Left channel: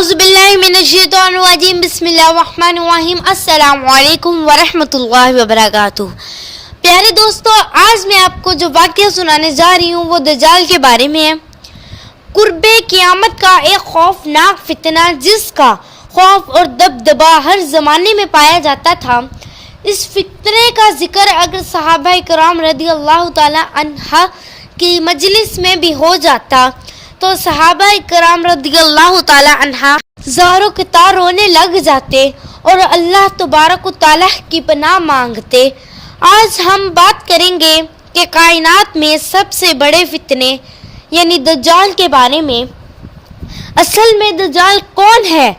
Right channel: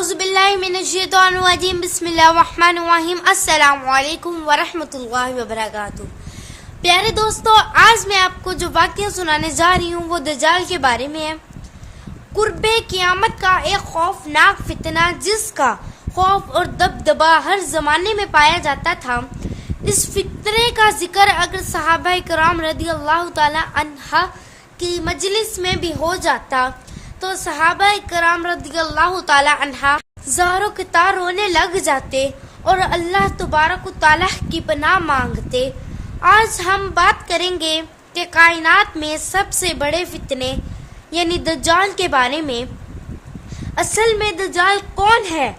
اعوذ باللہ من الشیطان الرجیم بسم اللہ الرحمن الرحیم السلام علیکم ورحمۃ اللہ وبرکاتہ۔ پیارے دوستو، آج میں آپ کو جو واقعہ سنانے جا رہی ہوں وہ دجال کے بارے میں ہے۔ قرب قیامت کا ایک خوفناک فتنہ جس کا خوف اور دبدبا ہر زمانے میں پایا جاتا تھا، اس فتنے کا ذکر اگر صحابہ کرام رضی اللہ تعالی عنہ کی مجلس میں بھی ہو جاتا تو صحابہ کرام رضی اللہ تعالی عنہ زار و قطار رونے لگ جاتے اور اللہ تبارک و تعالی کی پناہ مانگتے۔ آج ہم بات کریں گے کہ کائنات میں سب سے بڑے فتنے یعنی دجال کے بارے میں۔ اصل میں دجال کون ہے؟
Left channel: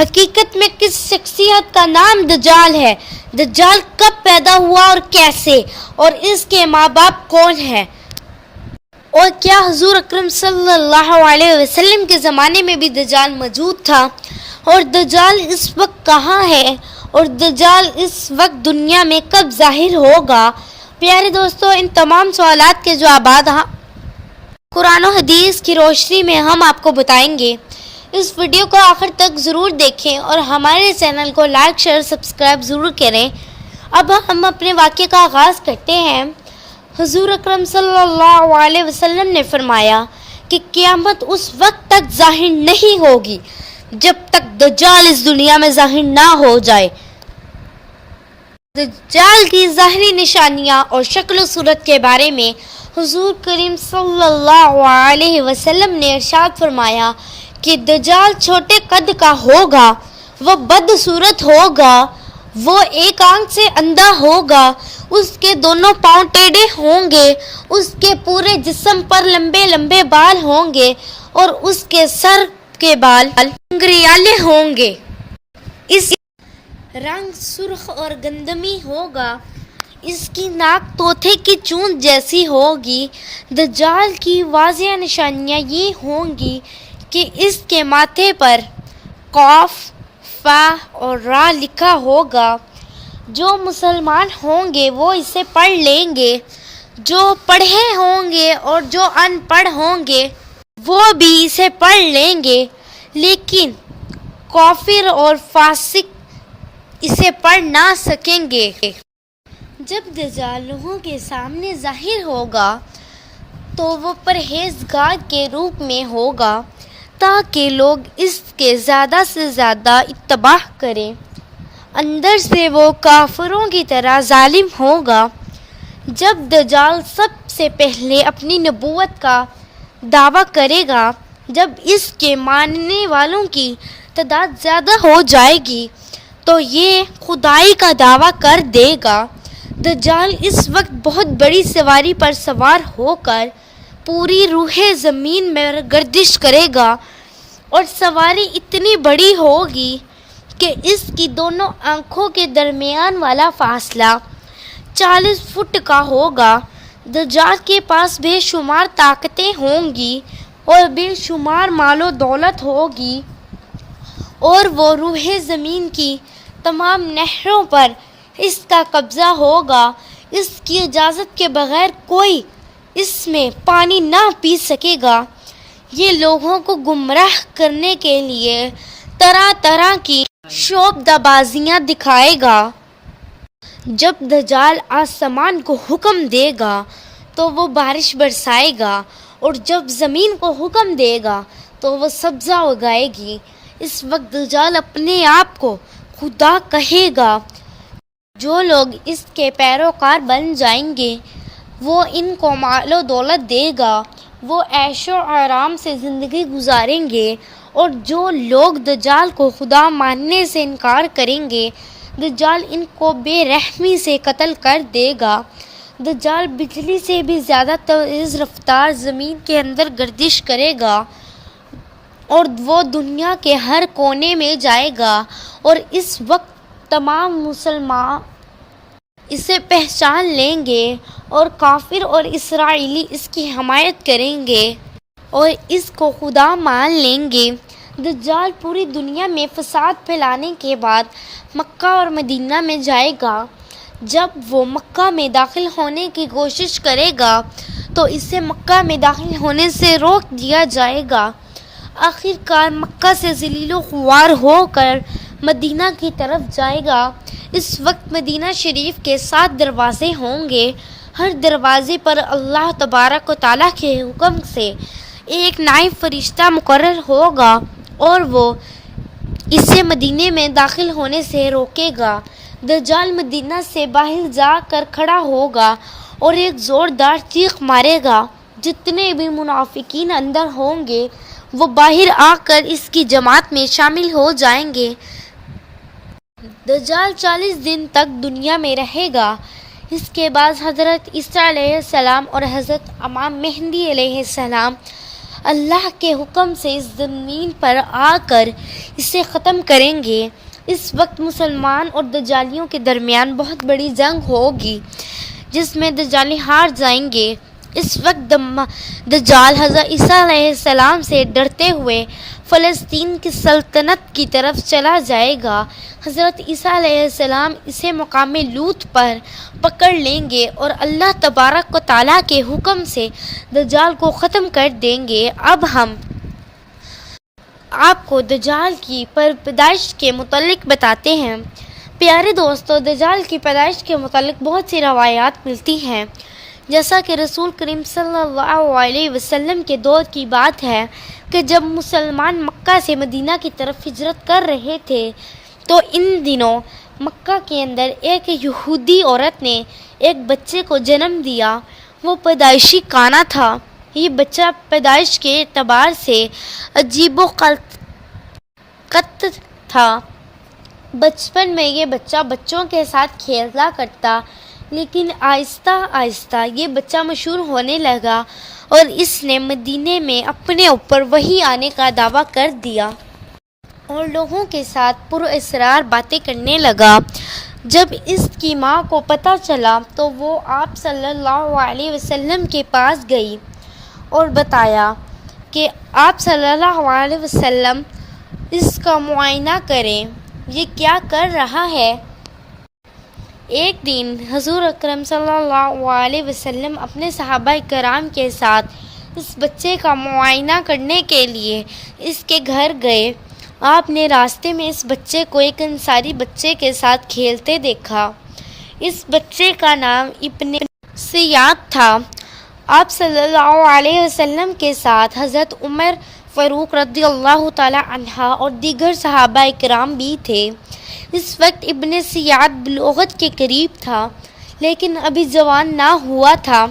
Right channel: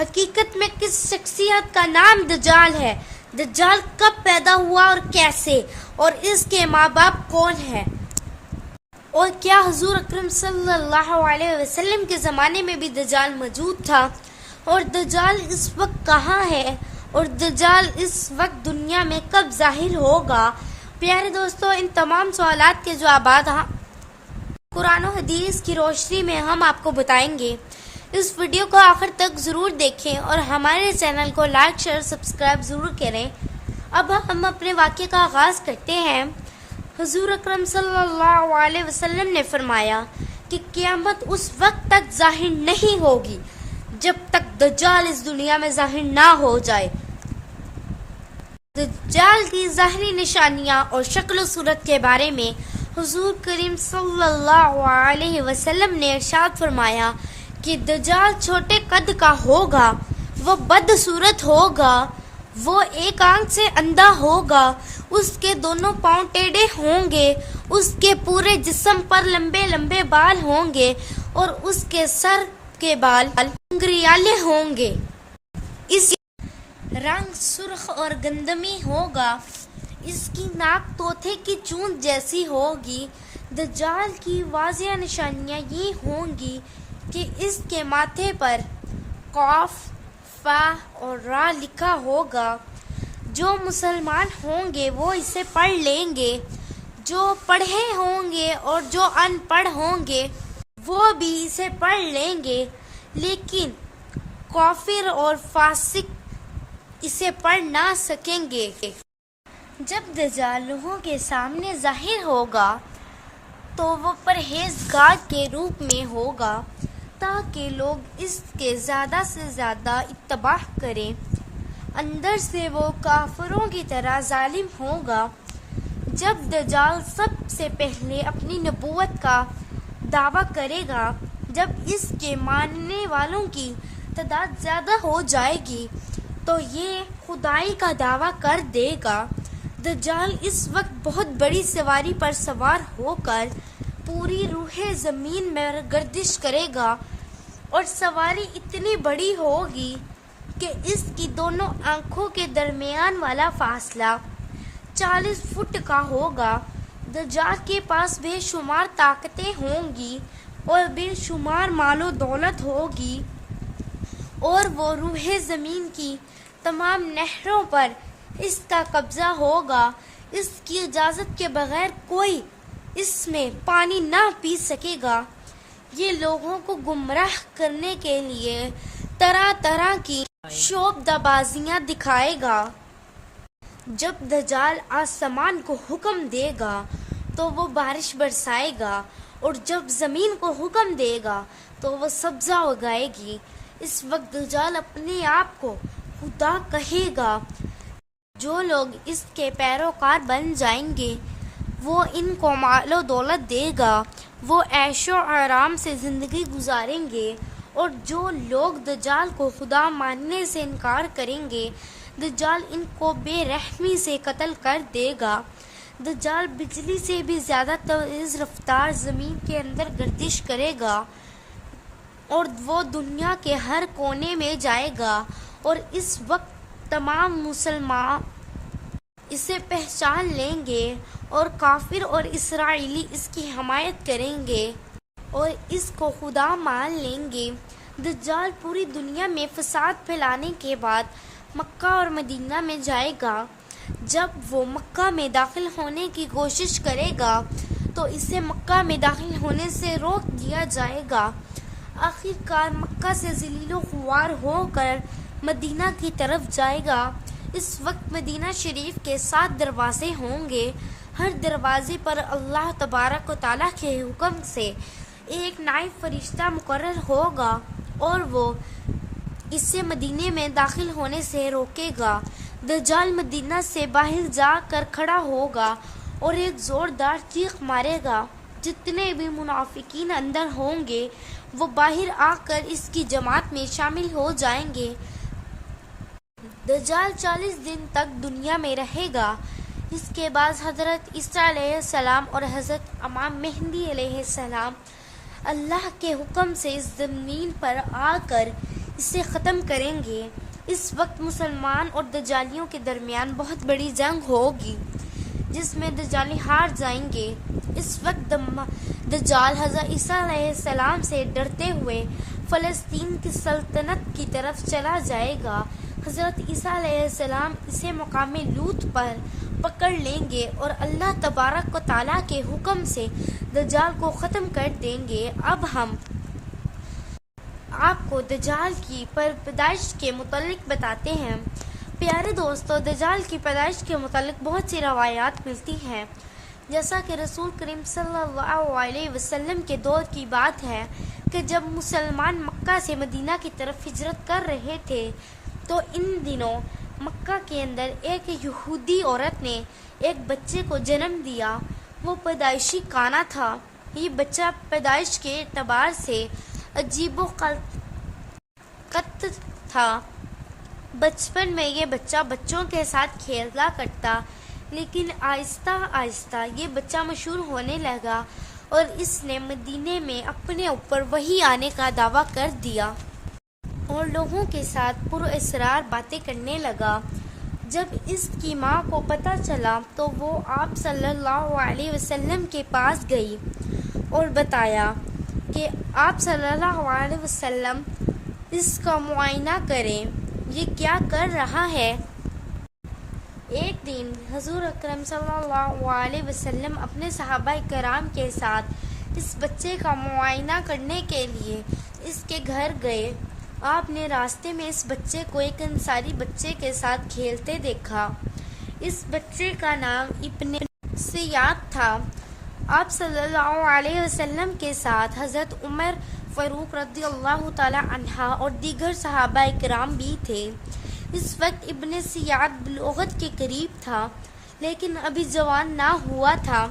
حقیقت میں کس شخصیت کا نام دجال ہے؟ دجال کب پیدا ہوا اور کیسے؟ اور اس کے ماں باپ کون ہیں؟ اور کیا حضور اکرم صلی اللہ علیہ وسلم کے زمانے میں بھی دجال موجود تھا؟ اور دجال اس وقت کہاں ہے؟ اور دجال اس وقت دنیا میں کب ظاہر ہوگا؟ پیارے دوستو، ان تمام سوالات کے جوابات قرآن و حدیث کی روشنی میں ہم آپ کو بتائیں گے۔ اس ویڈیو کو آخر تک ضرور دیکھیں اور ہمارے چینل کو لائک شیئر سبسکرائب ضرور کریں۔ اب ہم اپنے واقعے کا آغاز کرتے ہیں۔ حضور اکرم صلی اللہ علیہ وسلم نے فرمایا کہ قیامت اس وقت تک ظاہر نہیں ہوگی جب تک دجال اس دنیا میں ظاہر نہ ہو جائے۔ دجال کی ظاہری نشانیاں اور شکل و صورت کے بارے میں حضور کریم صلی اللہ علیہ وسلم نے ارشاد فرمایا کہ دجال چھوٹے قد کا ہوگا، وہ بدصورت ہوگا، وہ ایک آنکھ سے اندھا ہوگا، اس کے دونوں پاؤں ٹیڑھے ہوں گے، اس کے پورے جسم پر لمبے لمبے بال ہوں گے اور اس کے سر کے بال گھریالے ہوں گے۔ اس رنگ سرخ اور گندمی ہوگا، اس کی ناک طوطے کی چونچ جیسی ہوگی۔ دجال کی واضح نشانیاں یہ ہوں گی کہ اس کے ماتھے پر قاف، فا اور را لکھا ہوگا۔ جو مسلمان ہوں گے وہ اسے پڑھ لیں گے، جو پڑھے ہوں گے اور جو ان پڑھ ہوں گے وہ بھی اسے پڑھ لیں گے، لیکن کافر اور فاسق اسے پڑھ نہ سکیں گے۔ جب دجال لوگوں کے سامنے ظاہر ہوگا تو وہ پرہیزگار کے روپ میں ہوگا تاکہ لوگ اس کے زیادہ سے زیادہ اتباع کریں۔ اندر سے وہ کافروں کی طرح ظالم ہوگا۔ جب دجال سب سے پہلے اپنی نبوت کا دعویٰ کرے گا، جب اس کے ماننے والوں کی تعداد زیادہ ہو جائے گی تو یہ خدائی کا دعویٰ کر دے گا۔ دجال اس وقت بہت بڑی سواری پر سوار ہو کر پوری روح زمین میں گردش کرے گا اور سواری اتنی بڑی ہوگی کہ اس کی دونوں آنکھوں کے درمیان والا فاصلہ 40 فٹ کا ہوگا۔ دجال کے پاس بے شمار طاقتیں ہوں گی اور بے شمار مال و دولت ہوگی اور وہ روح زمین کی تمام نہروں پر اس کا قبضہ ہوگا۔ اس کی اجازت کے بغیر کوئی اس میں پانی نہ پی سکے گا۔ یہ لوگوں کو گمراہ کرنے کے لیے طرح طرح کی شعبدہ بازیاں دکھائے گا۔ جب دجال آسمان کو حکم دے گا تو وہ بارش برسائے گا اور جب زمین کو حکم دے گا تو وہ سبزہ اگائے گی۔ اس وقت دجال اپنے آپ کو خدا کہے گا۔ جو لوگ اس کے پیروکار بن جائیں گے وہ ان کو مال و دولت دے گا، وہ عیش و آرام سے زندگی گزاریں گے، اور جو لوگ دجال کو خدا ماننے سے انکار کریں گے دجال ان کو بے رحمی سے قتل کر دے گا۔ دجال بجلی سے بھی زیادہ تیز رفتار زمین کے اندر گردش کرے گا اور وہ دنیا کے ہر کونے میں جائے گا، اور اس وقت تمام مسلمان اسے پہچان لیں گے اور کافر اور اسرائیلی اس کی حمایت کریں گے اور اس کو خدا مان لیں گے۔ دجال پوری دنیا میں فساد پھیلانے کے بعد مکہ اور مدینہ میں جائے گا۔ جب وہ مکہ میں داخل ہونے کی کوشش کرے گا تو اسے مکہ میں داخل ہونے سے روک دیا جائے گا۔ آخر کار مکہ سے ذلیل و خوار ہو کر مدینہ کی طرف جائے گا۔ اس وقت مدینہ شریف کے 7 دروازے ہوں گے۔ ہر دروازے پر اللہ تبارک و تعالیٰ کے حکم سے ایک نائب فرشتہ مقرر ہوگا اور وہ اسے مدینے میں داخل ہونے سے روکے گا۔ دجال مدینہ سے باہر جا کر کھڑا ہوگا اور ایک زوردار چیخ مارے گا۔ جتنے بھی منافقین اندر ہوں گے وہ باہر آ کر اس کی جماعت میں شامل ہو جائیں گے۔ دجال 40 دن تک دنیا میں رہے گا۔ اس کے بعد حضرت عیسیٰ علیہ السلام اور حضرت امام مہدی علیہ السلام اللہ کے حکم سے اس زمین پر آ کر اسے ختم کریں گے۔ اس وقت مسلمان اور دجالیوں کے درمیان بہت بڑی جنگ ہوگی جس میں دجالی ہار جائیں گے۔ اس وقت دجال حضرت عیسیٰ علیہ السلام سے ڈرتے ہوئے فلسطین کی سلطنت کی طرف چلا جائے گا۔ حضرت عیسیٰ علیہ السلام اسے مقام لوط پر پکڑ لیں گے اور اللہ تبارک و تعالیٰ کے حکم سے دجال کو ختم کر دیں گے۔ اب ہم آپ کو دجال کی پیدائش کے متعلق بتاتے ہیں۔ پیارے دوستو، دجال کی پیدائش کے متعلق بہت سی روایات ملتی ہیں، جیسا کہ رسول کریم صلی اللہ علیہ وسلم کے دور کی بات ہے کہ جب مسلمان مکہ سے مدینہ کی طرف ہجرت کر رہے تھے تو ان دنوں مکہ کے اندر ایک یہودی عورت نے ایک بچے کو جنم دیا۔ وہ پیدائشی کانا تھا۔ یہ بچہ پیدائش کے اعتبار سے عجیب و قط تھا۔ بچپن میں یہ بچہ بچوں کے ساتھ کھیلا کرتا، لیکن آہستہ آہستہ یہ بچہ مشہور ہونے لگا اور اس نے مدینے میں اپنے اوپر وحی آنے کا دعویٰ کر دیا اور لوگوں کے ساتھ پراسرار باتیں کرنے لگا۔ جب اس کی ماں کو پتہ چلا تو وہ آپ صلی اللہ علیہ وسلم کے پاس گئی اور بتایا کہ آپ صلی اللہ علیہ وسلم اس کا معائنہ کریں، یہ کیا کر رہا ہے۔ ایک دن حضور اکرم صلی اللہ علیہ وسلم اپنے صحابہ کرام کے ساتھ اس بچے کا معائنہ کرنے کے لیے اس کے گھر گئے۔ آپ نے راستے میں اس بچے کو ایک انصاری بچے کے ساتھ کھیلتے دیکھا۔ اس بچے کا نام ابن سیاد تھا۔ آپ صلی اللہ علیہ وسلم کے ساتھ حضرت عمر فاروق رضی اللہ تعالی عنہ اور دیگر صحابہ کرام بھی تھے۔ اس وقت ابن سیاد بلوغت کے قریب تھا لیکن ابھی جوان نہ ہوا تھا۔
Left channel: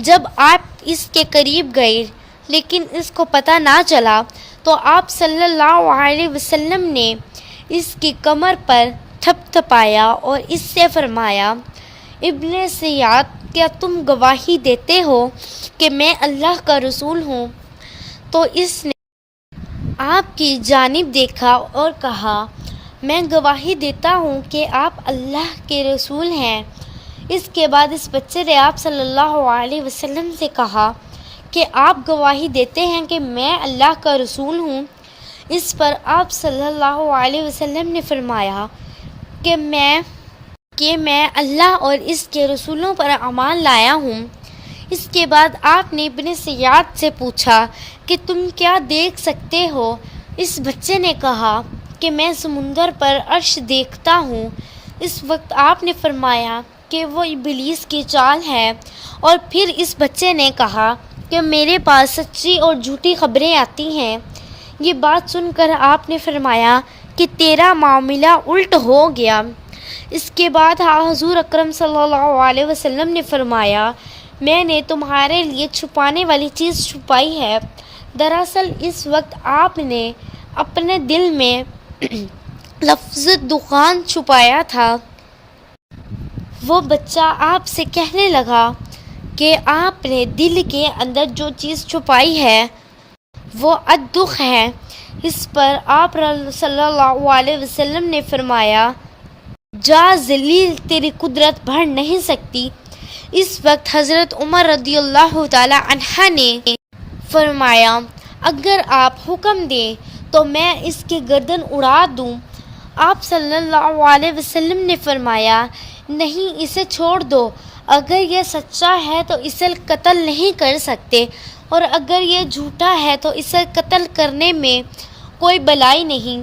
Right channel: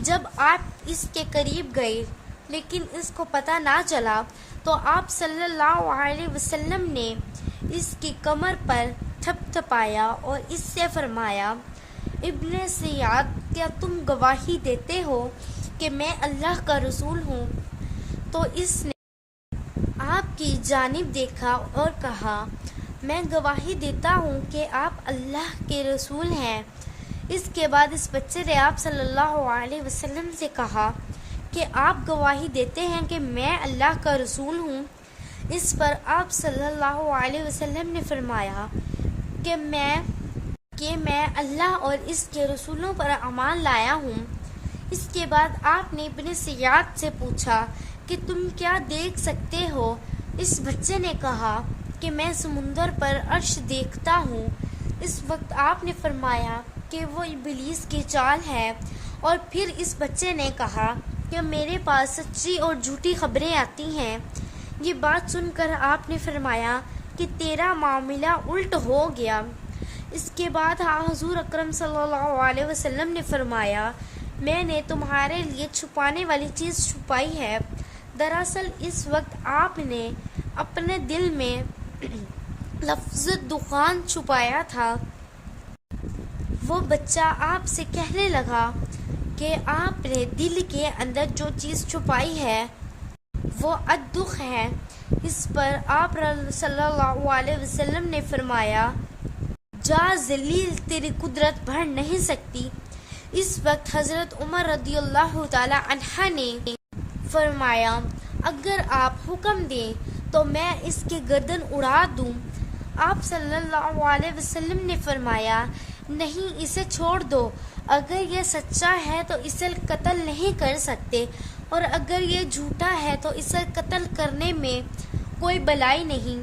جب آپ اس کے قریب گئے لیکن اس کو پتہ نہ چلا تو آپ صلی اللہ علیہ وسلم نے اس کی کمر پر تھپ تھپایا اور اس سے فرمایا، ابن سیاد، کیا تم گواہی دیتے ہو کہ میں اللہ کا رسول ہوں؟ تو اس نے آپ کی جانب دیکھا اور کہا، میں گواہی دیتا ہوں کہ آپ اللہ کے رسول ہیں۔ اس کے بعد اس بچے نے آپ صلی اللہ علیہ وسلم سے کہا کہ آپ گواہی دیتے ہیں کہ میں اللہ کا رسول ہوں۔ اس پر آپ صلی اللہ علیہ وسلم نے فرمایا کہ میں اللہ اور اس کے رسولوں پر ایمان لایا ہوں۔ اس کے بعد آپ نے ابن سیاد سے پوچھا کہ تم کیا دیکھ سکتے ہو؟ اس بچے نے کہا کہ میں سمندر پر عرش دیکھتا ہوں۔ اس وقت آپ نے فرمایا کہ وہ ابلیس کی چال ہے، اور پھر اس بچے نے کہا کہ میرے پاس سچی اور جھوٹی خبریں آتی ہیں۔ یہ بات سن کر آپ نے فرمایا کہ تیرا معاملہ الٹ ہو گیا۔ اس کے بعد حضور اکرم صلی اللہ علیہ وسلم نے فرمایا، میں نے تمہارے لیے چھپانے والی چیز چھپائی ہے۔ دراصل اس وقت آپ نے اپنے دل میں لفظ دخان چھپایا تھا۔ وہ بچہ آپ سے کہنے لگا کہ آپ نے دل کے اندر جو چیز چھپائی ہے وہ الدخ ہے۔ اس پر آپ صلی اللہ علیہ وسلم نے فرمایا، جا ذلیل، تیری قدرت بڑھ نہیں سکتی۔ اس وقت حضرت عمر رضی اللہ تعالی عنہ نے فرمایا، اگر آپ حکم دیں تو میں اس کی گردن اڑا دوں۔ آپ صلی اللہ علیہ وسلم نے فرمایا، نہیں، اسے چھوڑ دو، اگر یہ سچا ہے تو اسے قتل نہیں کر سکتے۔ اور اگر یہ جھوٹا ہے تو اسے قتل کرنے میں کوئی بلائی نہیں۔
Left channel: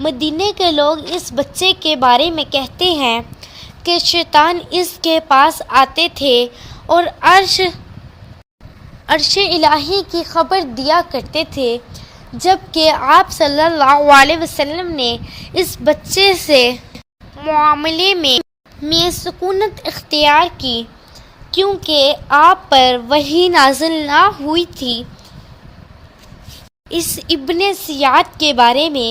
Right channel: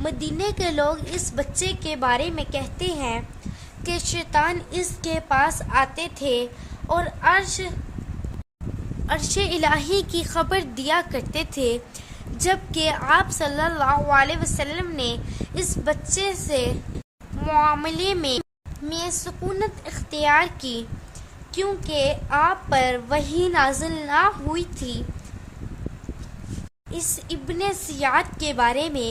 مدینے کے لوگ اس بچے کے بارے میں کہتے ہیں کہ شیطان اس کے پاس آتے تھے اور عرش الہی کی خبر دیا کرتے تھے، جبکہ آپ صلی اللہ علیہ وسلم نے اس بچے سے معاملے میں سکونت اختیار کی کیونکہ آپ پر وحی نازل نہ ہوئی تھی۔ اس ابن سیاد کے بارے میں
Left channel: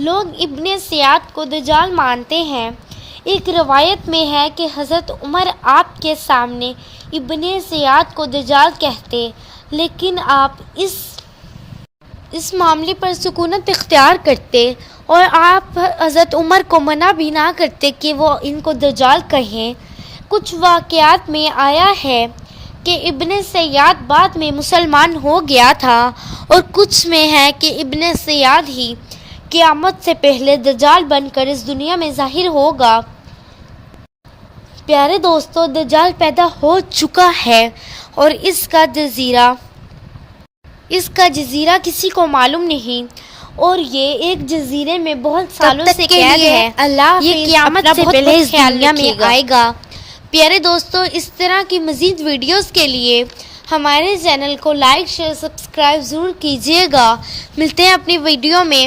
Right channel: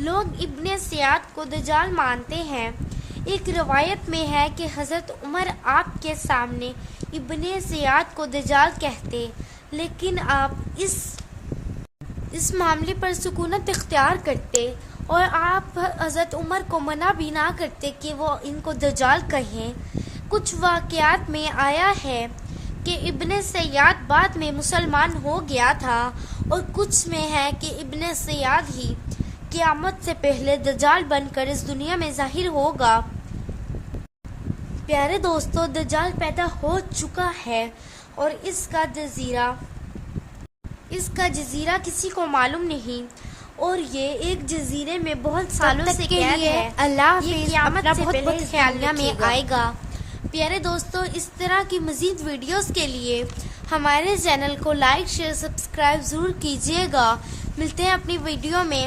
لوگ ابن سیاد کو دجال مانتے ہیں۔ ایک روایت میں ہے کہ حضرت عمر آپ کے سامنے ابن سیاد کو دجال کہتے، لیکن آپ اس معاملے پر سکونت اختیار کرتے اور آپ حضرت عمر کو منع بھی نہ کرتے کہ وہ ان کو دجال کہیں۔ کچھ واقعات میں آیا ہے کہ ابن سیاد بعد میں مسلمان ہو گیا تھا اور کچھ میں ہے کہ ابن سیاد ہی قیامت سے پہلے دجال بن کر اس دنیا میں ظاہر ہوگا۔ پیارے دوستو، دجال پیدا ہو چکا ہے اور اس کا جزیرہ کسی کو معلوم نہیں، اور یہ ایک جزیرے میں بہت سالوں سے قید ہے۔ یہ قیامت سے پہلے اس دنیا میں آئے گا۔ پیارے دوستو، اس طرح کی مزید ویڈیوز کے لیے ہمارے چینل کو لائک، شیئر، سبسکرائب ضرور کیجیے گا۔ ملتے ہیں اپنی ویڈیو میں۔